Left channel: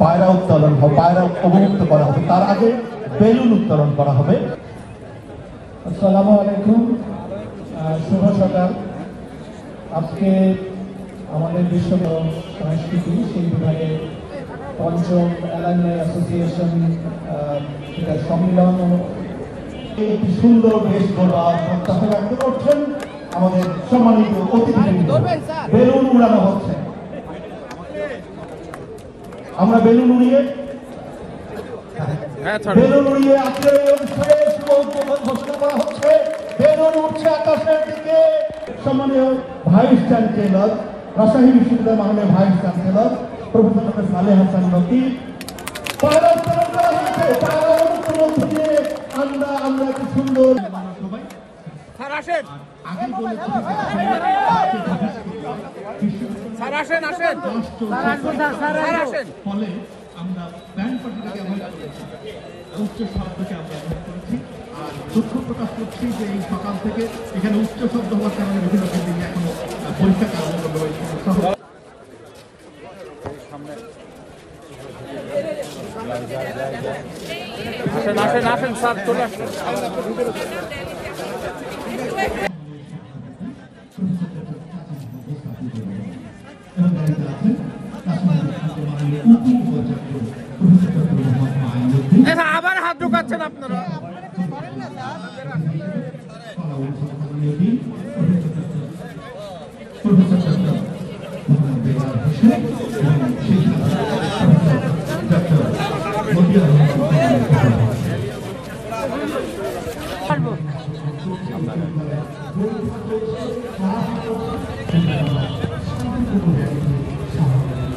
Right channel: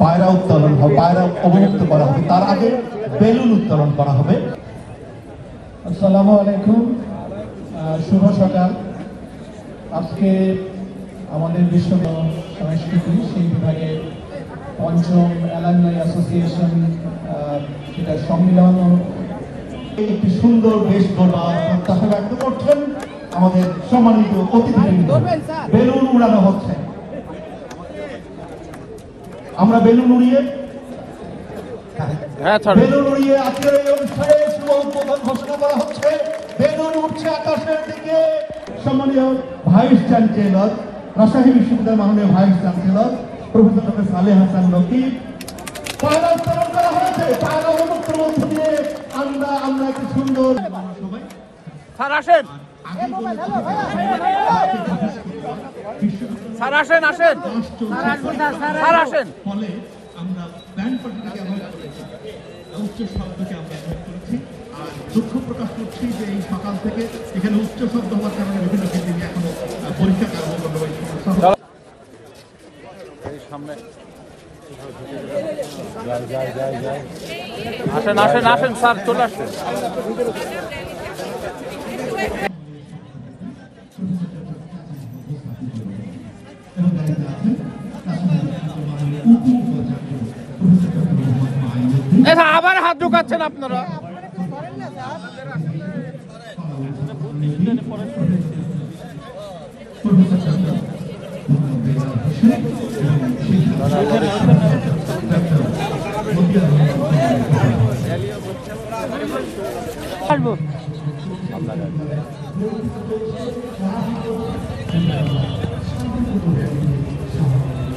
পায়রা উত্তোলন হবে, পায়রা অবমুক্ত করা হবে, তার আগে বেলুন উত্তোলন করা হবে। আসসালামু আলাইকুম, শুভ সকাল। আজকে আমাদের বিশ্ব সংস্কৃতি সেই বিভাগে পঞ্চম অ্যালামনাই অ্যাসোসিয়েশন সম্মেলন একটি সুন্দর বেশ গড়ার প্রত্যাশা ব্যক্ত করছেন আমাদের সম্মানিত অতিথিবৃন্দ। বেলুন উড়ানো হচ্ছে, আমরা বেলুন উড়িয়ে আজকের এই অনুষ্ঠানে শুভ উদ্বোধন ঘোষণা করা হচ্ছে। বেলুন উঠছে আকাশের দিকে। সম্মানীয় ভাইস চ্যান্সেলর, রাজশাহী বিশ্ববিদ্যালয় মাননীয় vice chancellor professor doctor Saleh Hasan Rocky পায়রা উত্তোলন করা হয়েছে। পায়রা অবমুক্তের মধ্যে দিয়ে আমরা একটি সুন্দর আসেন স্যার, আসেন আসেন স্যার, আসেন। দুঃখ প্রকাশ করছি যে এই সকাল থেকে এখানে উচ্চ শব্দ হওয়ার কারণে বিভিন্ন কেন্দ্রে এখনো আসেন আসেন আসেন স্যার, চলে আসেন। আবার হাত ঢুকাচ্ছেন আপনারা।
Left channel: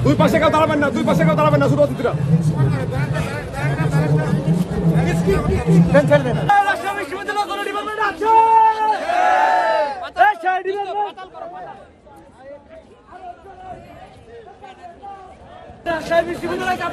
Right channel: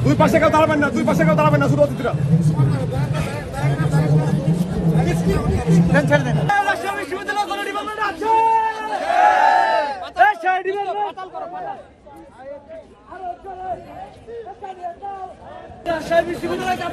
দুই পাশে কেউ দাঁড়াবেন না, দুই পাশে কেউ দাঁড়াবেন না, শুধু অতিথিরা। বিশ্ববিদ্যালয়